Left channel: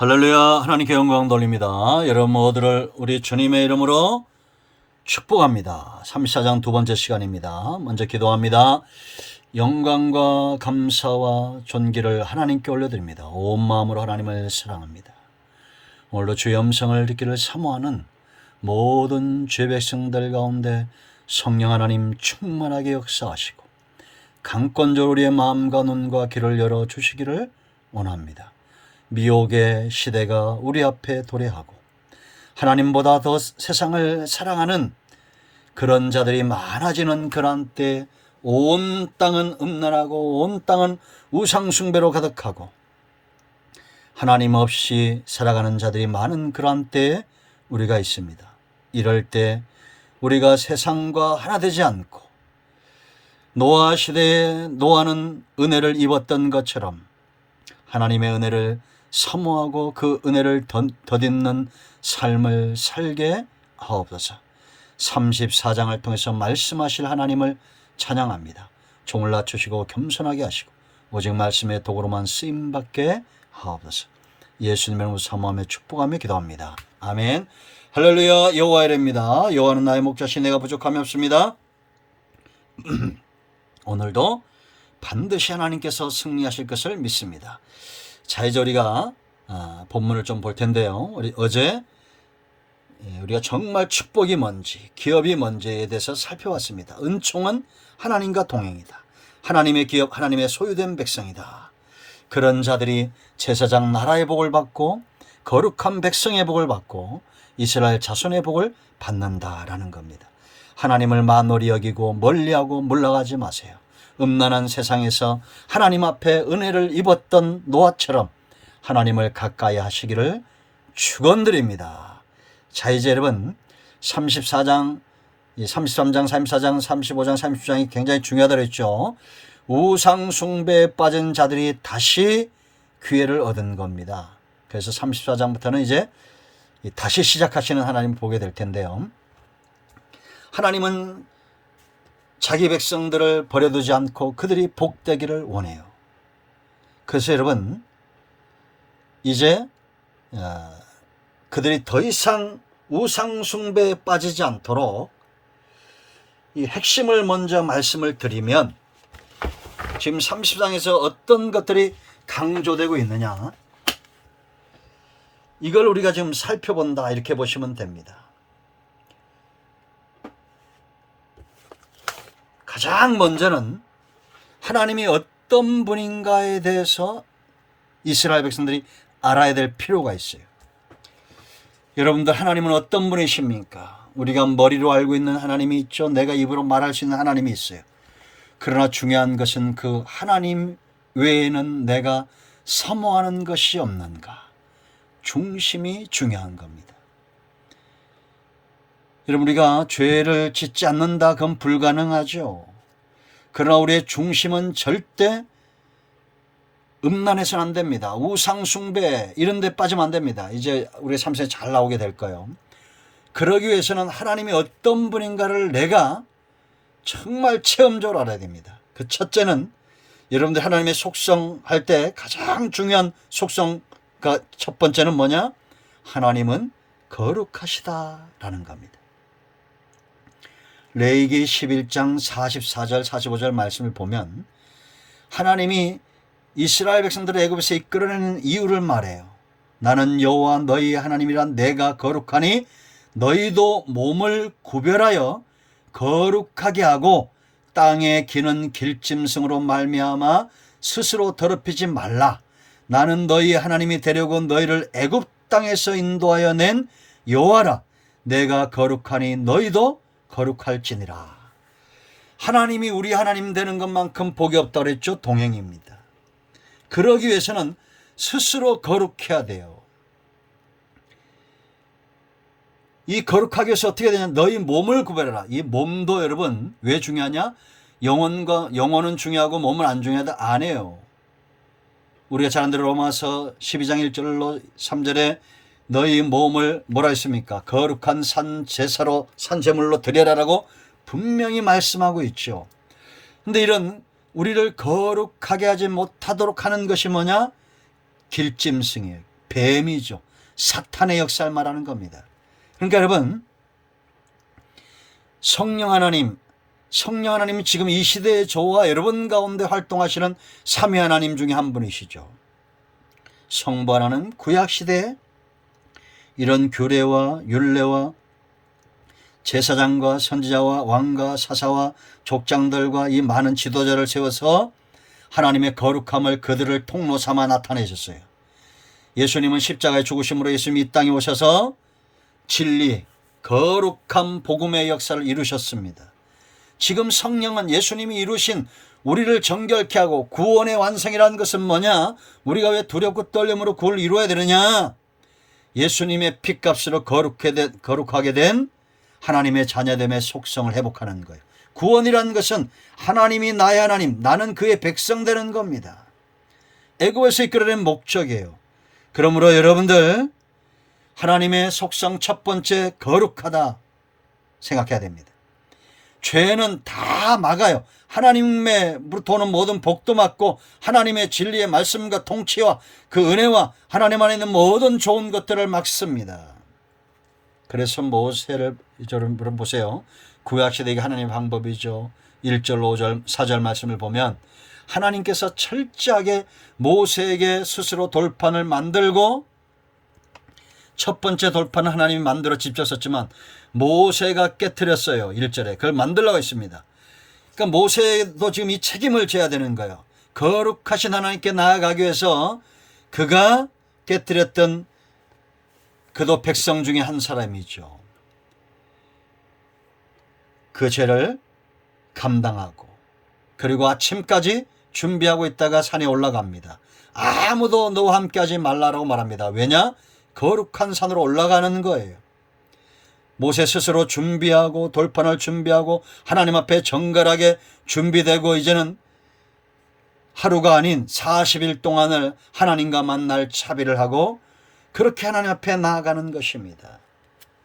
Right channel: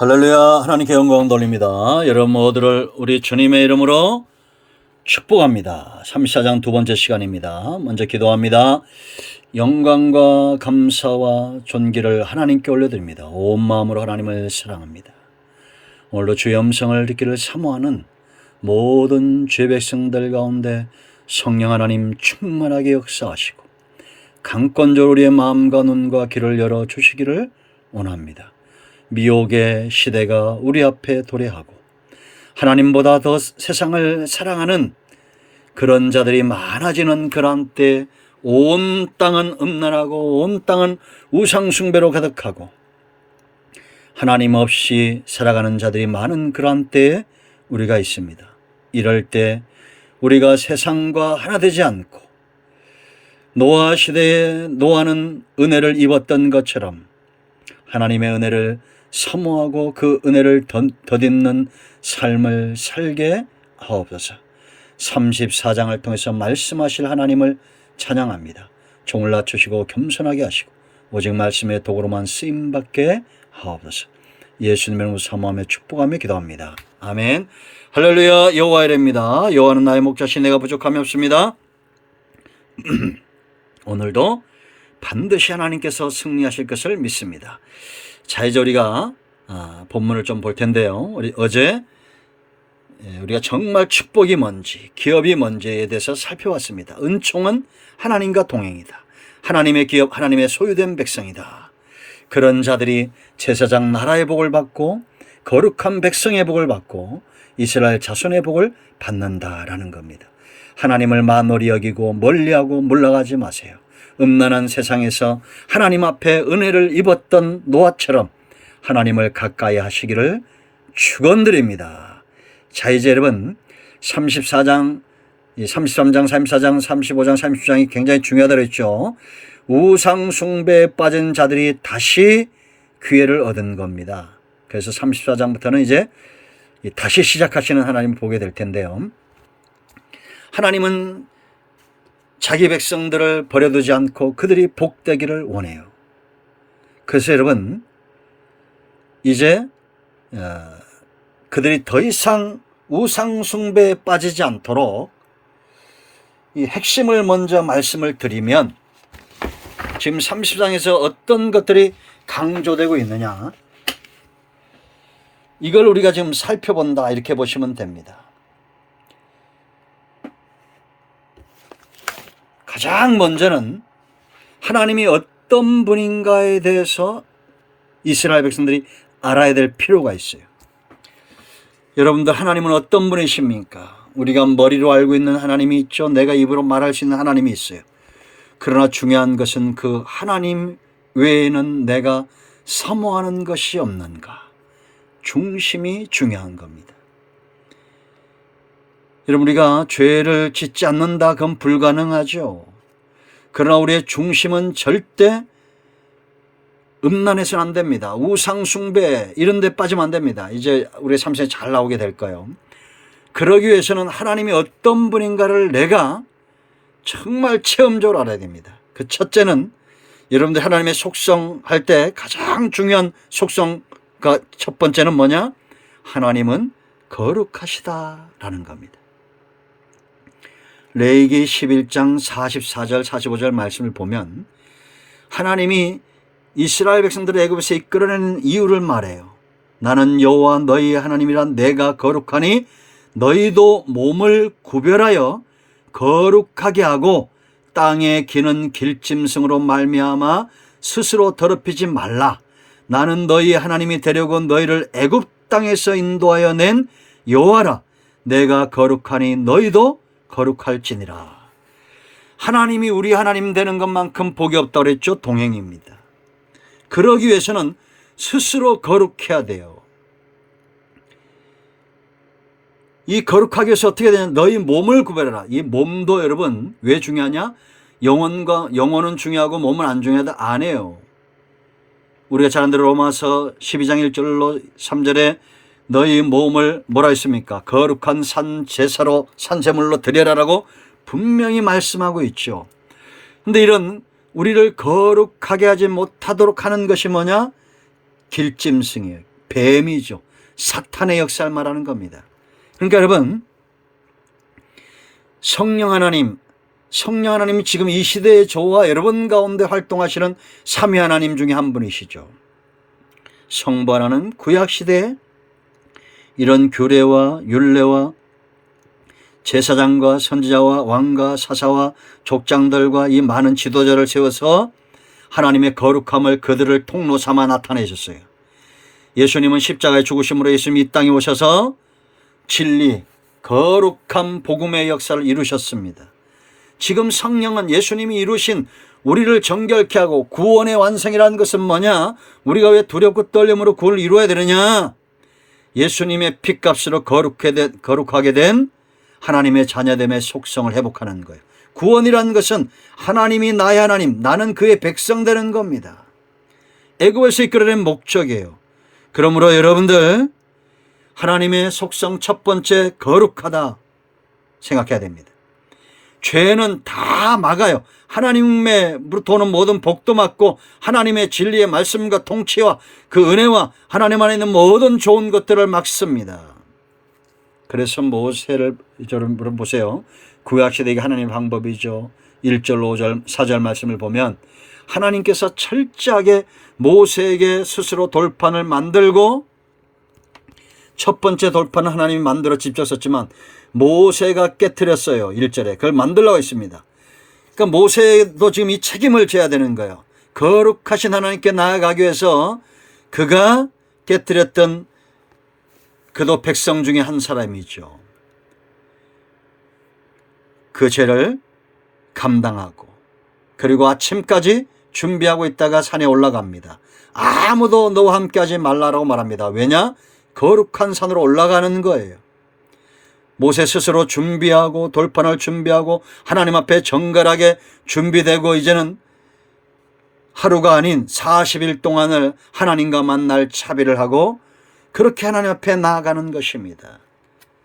할렐루야. 하나님께 영광 돌립니다. 여러분 모두를 우리 주님의 이름으로 축복합니다. 34장 두 번째 시간입니다. 먼저 기도합니다. 영광과 감사와 존귀를 하나님께 올려드립니다. 온 마음으로 하나님을 사랑합니다. 오늘도 주의 음성을 듣기를 사모하는 모든 죄 백성들 가운데 성령 하나님 충만하게 역사하시고 강권적으로 우리의 마음과 눈과 귀를 열어주시기를 원합니다. 미혹의 시대가 우리 앞에 도래하고 하나님보다 더 세상을 사랑하는 그런 자들이 많아지는 그런 때 온 땅은 음란하고 온 땅은 우상숭배로 가득하고 하나님 없이 살아가는 자들이 많은 그런 때에 우리가 있습니다. 이럴 때 우리가 세상과 하나 되지 않고 노아 시대에 노아는 은혜를 입었던 것처럼 하나님의 은혜를 사모하고 그 은혜를 덧입는 삶을 살게 하옵소서. 34장을 통해서 말씀하실 하나님을 찬양합니다. 종을 낮추시고 겸손하게 하시고 오직 말씀의 도구로만 쓰임받게 하옵소서. 예수님의 이름으로 사모하며 축복하며 기도합니다. 아멘. 할렐루야. 여호와의 이름입니다. 여호와는 나의 목자시 내가 부족함이 없습니다. 오늘도 반드시 하나님께서 승리하실 것을 믿습니다. 자, 이제 우리가 본문을 좀 볼 텐데요. 어제 우리가 정말 축복이 뭔지 기업이 뭔지에 대해서 살펴봤습니다. 은총은 하나님과 동행이다. 하나님의 기업, 하나님의 소유된 백성이다. 그런 자들이 제사장 나라의 복을 받고 거룩한 백성의 복을 받고 이스라엘 자손의 복을 받는다라는 겁니다. 하나님을 만홀히 여기고 멀리하고 물러가지 마세요. 음란한 세상에서 하나님 앞에 은혜를 입었던 노아처럼 하나님을 가까이 하시기를 축원드립니다. 자, 이제 여러분 33장, 34장, 35장, 36장이 굉장히 중요하다고 했죠. 우상 숭배에 빠진 자들이 다시 기회를 얻은 겁니다. 그래서 34장부터는 이제 다시 시작하시는 하나님을 보게 될 텐데요. 하나님은 자기 백성들을 버려두지 않고 그들이 복되기를 원해요. 그래서 여러분 이제 그들이 더 이상 우상 숭배에 빠지지 않도록 이 핵심을 먼저 말씀을 드리면 지금 30장에서 어떤 것들이 강조되고 있느냐, 이걸 우리가 지금 살펴본다 이렇게 보시면 됩니다. 가장 먼저는 하나님이 어떤 분인가에 대해서 이스라엘 백성들이 알아야 될 필요가 있어요. 여러분들, 하나님은 어떤 분이십니까? 우리가 머리로 알고 있는 하나님이 있죠. 내가 입으로 말할 수 있는 하나님이 있어요. 그러나 중요한 것은 그 하나님 외에는 내가 사모하는 것이 없는가? 중심이 중요한 겁니다. 여러분, 우리가 죄를 짓지 않는다 그건 불가능하죠. 그러나 우리의 중심은 절대 음란해서는 안 됩니다. 우상 숭배 이런 데 빠지면 안 됩니다. 이제 우리 삶에 잘 나오게 될 거예요. 그러기 위해서는 하나님이 어떤 분인가를 내가 정말 체험적으로 알아야 됩니다. 그 첫째는 여러분들 하나님의 속성 할 때 가장 중요한 속성가 첫 번째는 뭐냐? 하나님은 거룩하시다라는 겁니다. 레위기 11장 44절 45절 말씀을 보면 하나님이 이스라엘 백성들을 애굽에서 이끌어내는 이유를 말해요. 나는 여호와 너희 하나님이라 내가 거룩하니 너희도 몸을 구별하여 거룩하게 하고 땅에 기는 길짐승으로 말미암아 스스로 더럽히지 말라. 나는 너희 하나님이 되려고 너희를 애굽 땅에서 인도하여 낸 여호와라. 내가 거룩하니 너희도 거룩할지니라. 하나님이 우리 하나님 되는 것만큼 복이 없다고 그랬죠. 동행입니다. 그러기 위해서는 스스로 거룩해야 돼요. 이 거룩하기 위해서 어떻게 되냐? 너희 몸을 구별해라. 이 몸도 여러분 왜 중요하냐? 영혼은 중요하고 몸은 안 중요하다 안 해요. 우리가 잘 아는 대로 로마서 12장 1절로 3절에 너희 몸을 뭐라 했습니까? 거룩한 산제사로 산제물로 드려라라고 분명히 말씀하고 있죠. 그런데 이런 우리를 거룩하게 하지 못하도록 하는 것이 뭐냐? 길짐승이에요. 뱀이죠. 사탄의 역사를 말하는 겁니다. 그러니까 여러분, 성령 하나님이 지금 이 시대의 저와 여러분 가운데 활동하시는 삼위 하나님 중에 한 분이시죠. 성부하나는 구약시대에 이런 규례와 율례와 제사장과 선지자와 왕과 사사와 족장들과 이 많은 지도자를 세워서 하나님의 거룩함을 그들을 통로 삼아 나타내셨어요. 예수님은 십자가의 죽으심으로 예수님이 이 땅에 오셔서 진리, 거룩한 복음의 역사를 이루셨습니다. 지금 성령은 예수님이 이루신 우리를 정결케 하고 구원의 완성이라는 것은 뭐냐? 우리가 왜 두렵고 떨림으로 그걸 이루어야 되느냐? 예수님의 피값으로 거룩하게 된 하나님의 자녀됨의 속성을 회복하는 거예요. 구원이라는 것은 하나님이 나의 하나님, 나는 그의 백성 되는 겁니다. 애굽에서 이끌어낸 목적이에요. 그러므로 여러분들 하나님의 속성 첫 번째 거룩하다 생각해야 됩니다. 죄는 다 막아요. 하나님으로부터 오는 모든 복도 막고 하나님의 진리의 말씀과 통치와 그 은혜와 하나님 안에 있는 모든 좋은 것들을 막습니다. 그래서 모세를 보세요. 구약시대의 하나님의 방법이죠. 1절, 5절, 4절 말씀을 보면 하나님께서 철저하게 모세에게 스스로 돌판을 만들고, 첫 번째 돌판은 하나님이 만들어 직접 썼지만 모세가 깨트렸어요. 1절에 그걸 만들라고 했습니다. 그러니까 모세도 지금 이 책임을 져야 되는 거예요. 거룩하신 하나님께 나아가기 위해서 그가 깨트렸던, 그도 백성 중에 한 사람이죠. 그 죄를 감당하고 그리고 아침까지 준비하고 있다가 산에 올라갑니다. 아무도 너와 함께하지 말라라고 말합니다. 왜냐? 거룩한 산으로 올라가는 거예요. 모세 스스로 준비하고 돌판을 준비하고 하나님 앞에 정갈하게 준비되고 이제는 하루가 아닌 40일 동안을 하나님과 만날 차비를 하고 그렇게 하나님 앞에 나아가는 것입니다.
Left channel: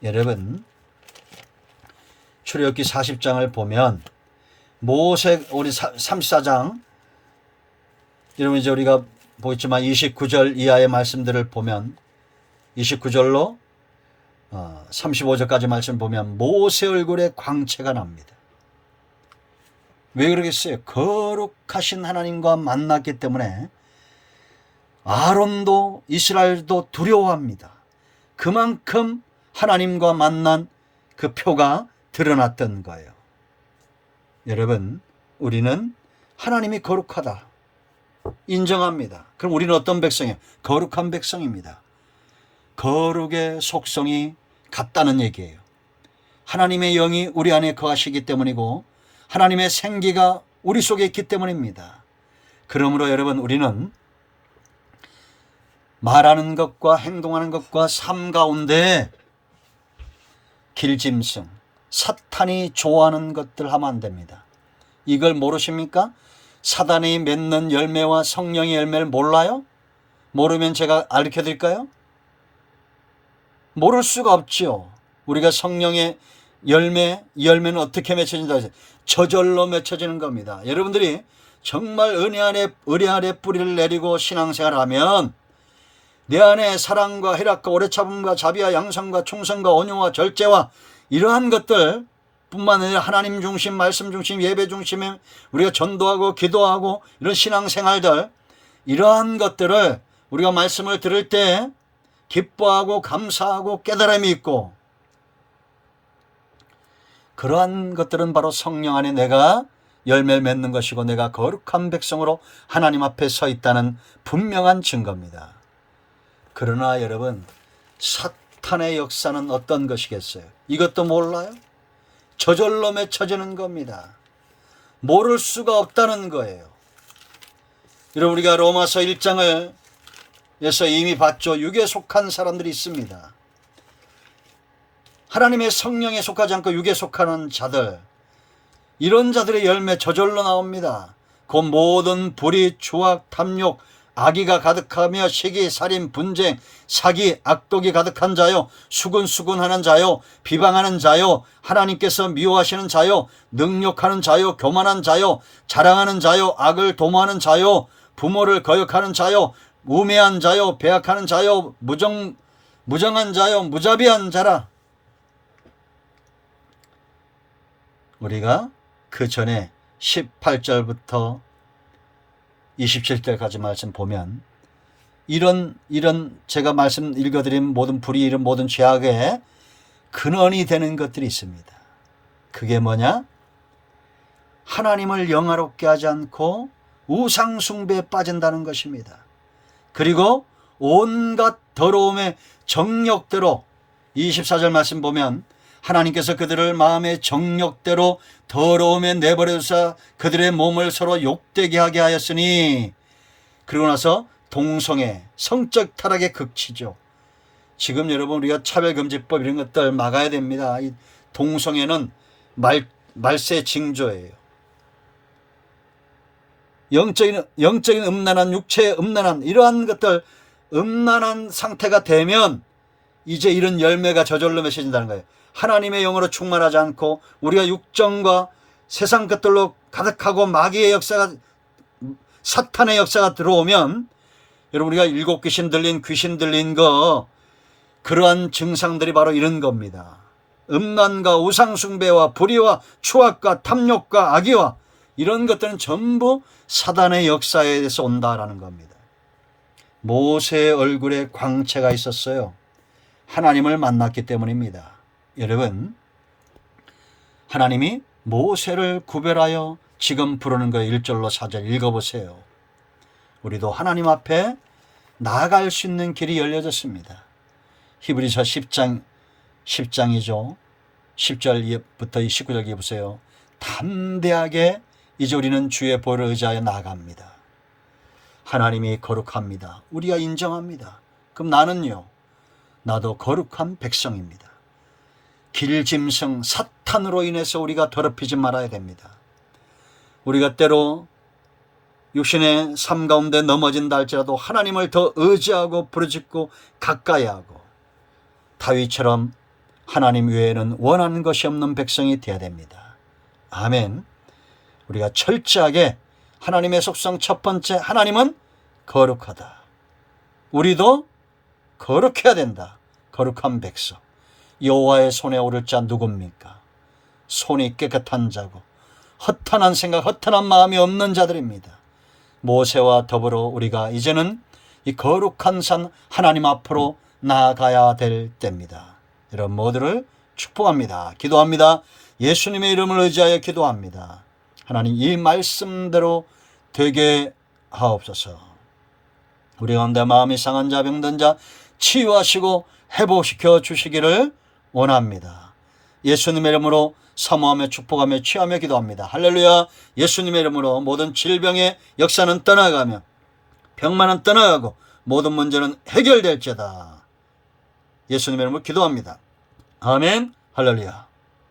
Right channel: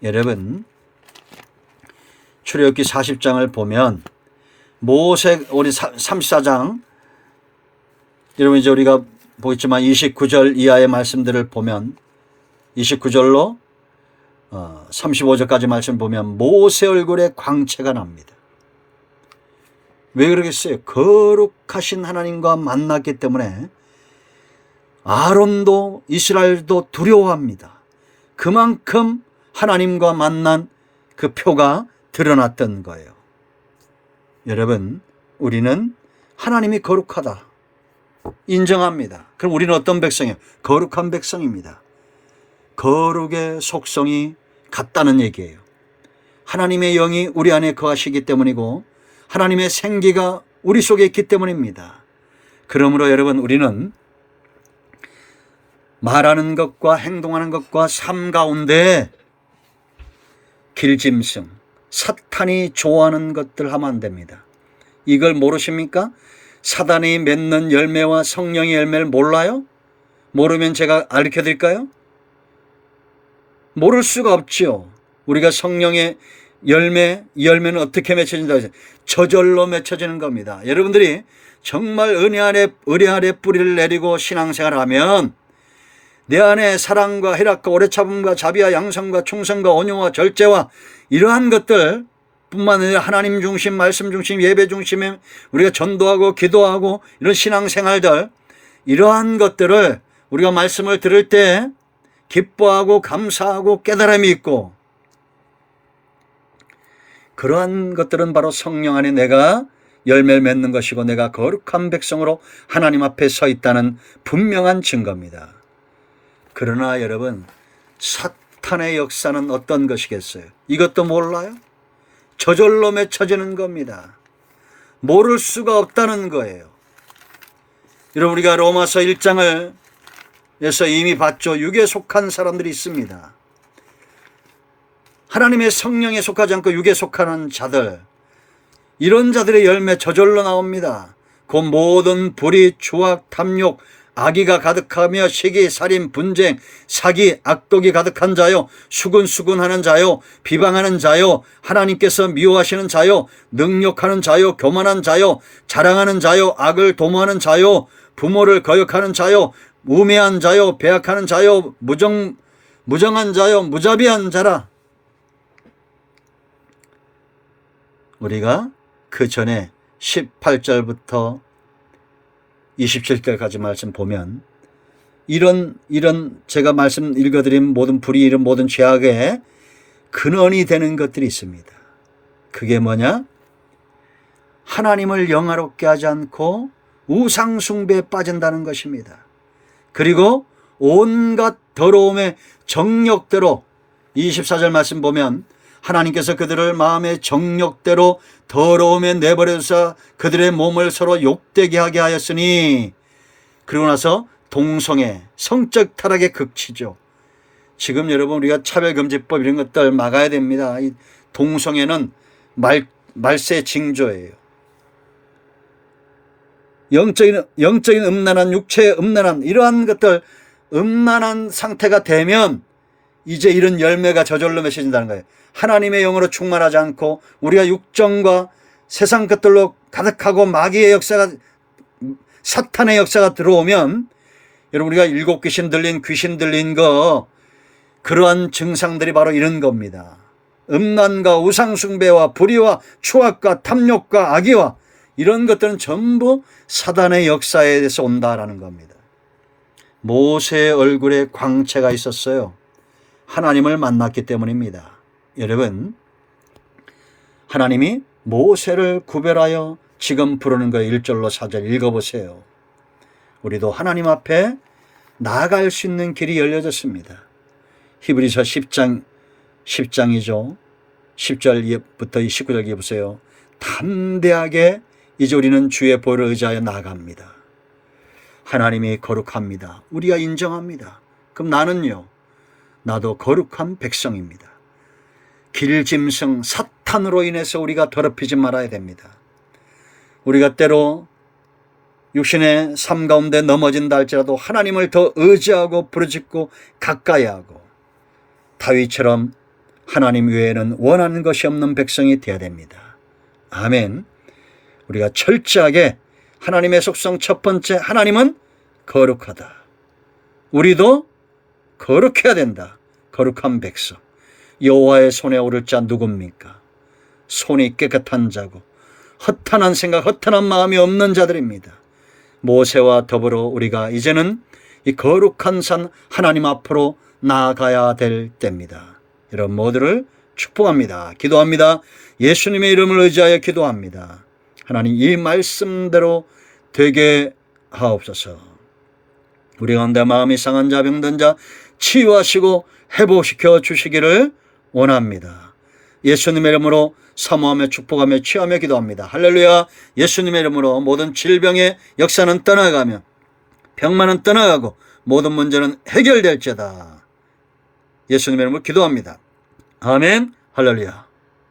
여러분, 출애굽기 40장을 보면 모세, 우리 34장, 여러분 이제 우리가 보겠지만 29절 이하의 말씀들을 보면 29절로 35절까지 말씀 보면 모세 얼굴에 광채가 납니다. 왜 그러겠어요? 거룩하신 하나님과 만났기 때문에 아론도 이스라엘도 두려워합니다. 그만큼 하나님과 만난 그 표가 드러났던 거예요. 여러분, 우리는 하나님이 거룩하다 인정합니다. 그럼 우리는 어떤 백성이에요? 거룩한 백성입니다. 거룩의 속성이 같다는 얘기예요. 하나님의 영이 우리 안에 거하시기 때문이고 하나님의 생기가 우리 속에 있기 때문입니다. 그러므로 여러분, 우리는 말하는 것과 행동하는 것과 삶 가운데 길짐승, 사탄이 좋아하는 것들 하면 안 됩니다. 이걸 모르십니까? 사단이 맺는 열매와 성령의 열매를 몰라요? 모르면 제가 알려 드릴까요? 모를 수가 없지요. 우리가 성령의 열매, 이 열매는 어떻게 맺혀진다고 해서 저절로 맺혀지는 겁니다. 여러분들이 정말 은혜 아래 뿌리를 내리고 신앙생활을 하면 내 안에 사랑과 희락과 오래 참음과 자비와 양성과 충성과 온유와 절제와 이러한 것들 뿐만 아니라 하나님 중심, 말씀 중심, 예배 중심에 우리가 전도하고 기도하고 이런 신앙생활들, 이러한 것들을 우리가 말씀을 들을 때 기뻐하고 감사하고 깨달음이 있고, 그러한 것들은 바로 성령 안에 내가 열매를 맺는 것이고 내가 거룩한 백성으로 하나님 앞에 서 있다는 분명한 증거입니다. 그러나 여러분, 사탄의 역사는 어떤 것이겠어요? 이것도 몰라요? 저절로 맺혀지는 겁니다. 모를 수가 없다는 거예요. 여러분, 우리가 로마서 1장을 에서 이미 봤죠. 육에 속한 사람들이 있습니다. 하나님의 성령에 속하지 않고 육에 속하는 자들, 이런 자들의 열매 저절로 나옵니다. 그 모든 불의, 추악, 탐욕, 악의가 가득하며 시기, 살인, 분쟁, 사기, 악독이 가득한 자요, 수근수근하는 자요, 비방하는 자요, 하나님께서 미워하시는 자요, 능욕하는 자요, 교만한 자요, 자랑하는 자요, 악을 도모하는 자요, 부모를 거역하는 자요, 우매한 자요, 배약하는 자요, 무정한 자요, 무자비한 자라. 우리가 그 전에 18절부터 27절까지 말씀 보면 이런 제가 말씀 읽어드린 모든 불의일은 모든 죄악의 근원이 되는 것들이 있습니다. 그게 뭐냐? 하나님을 영화롭게 하지 않고 우상 숭배에 빠진다는 것입니다. 그리고 온갖 더러움의 정욕대로 24절 말씀 보면 하나님께서 그들을 마음의 정욕대로 더러움에 내버려두사 그들의 몸을 서로 욕되게 하게 하였으니, 그리고 나서 동성애, 성적 타락의 극치죠. 지금 여러분 우리가 차별금지법 이런 것들 막아야 됩니다. 이 동성애는 말세 징조예요. 영적인 음란한, 육체의 음란한, 이러한 것들 음란한 상태가 되면 이제 이런 열매가 저절로 맺혀진다는 거예요. 하나님의 영으로 충만하지 않고 우리가 육정과 세상 것들로 가득하고 마귀의 역사가, 사탄의 역사가 들어오면, 여러분 우리가 일곱 귀신 들린 거, 그러한 증상들이 바로 이런 겁니다. 음란과 우상숭배와 불의와 추악과 탐욕과 악의와 이런 것들은 전부 사단의 역사에서 온다라는 겁니다. 모세의 얼굴에 광채가 있었어요. 하나님을 만났기 때문입니다. 여러분, 하나님이 모세를 구별하여 지금 부르는 거예요. 1절로 4절 읽어보세요. 우리도 하나님 앞에 나아갈 수 있는 길이 열려졌습니다. 히브리서 10장이죠. 10절부터 19절 보세요. 담대하게 이제 우리는 주의 보혈을 의지하여 나아갑니다. 하나님이 거룩합니다. 우리가 인정합니다. 그럼 나는요, 나도 거룩한 백성입니다. 길짐승 사탄으로 인해서 우리가 더럽히지 말아야 됩니다. 우리가 때로 육신의 삶 가운데 넘어진다 할지라도 하나님을 더 의지하고 부르짖고 가까이 하고 다윗처럼 하나님 외에는 원하는 것이 없는 백성이 되어야 됩니다. 아멘. 우리가 철저하게 하나님의 속성 첫 번째, 하나님은 거룩하다. 우리도 거룩해야 된다. 거룩한 백성. 여호와의 손에 오를 자 누굽니까? 손이 깨끗한 자고 허탄한 생각, 허탄한 마음이 없는 자들입니다. 모세와 더불어 우리가 이제는 이 거룩한 산 하나님 앞으로 나아가야 될 때입니다. 여러분 모두를 축복합니다. 기도합니다. 예수님의 이름을 의지하여 기도합니다. 하나님 이 말씀대로 되게 하옵소서. 우리 가운데 마음이 상한 자, 병든 자 치유하시고 회복시켜 주시기를 원합니다. 예수님의 이름으로 사모하며 축복하며 취하며 기도합니다. 할렐루야. 예수님의 이름으로 모든 질병의 역사는 떠나가며 병만은 떠나가고 모든 문제는 해결될지어다. 예수님의 이름으로 기도합니다. 아멘. 할렐루야.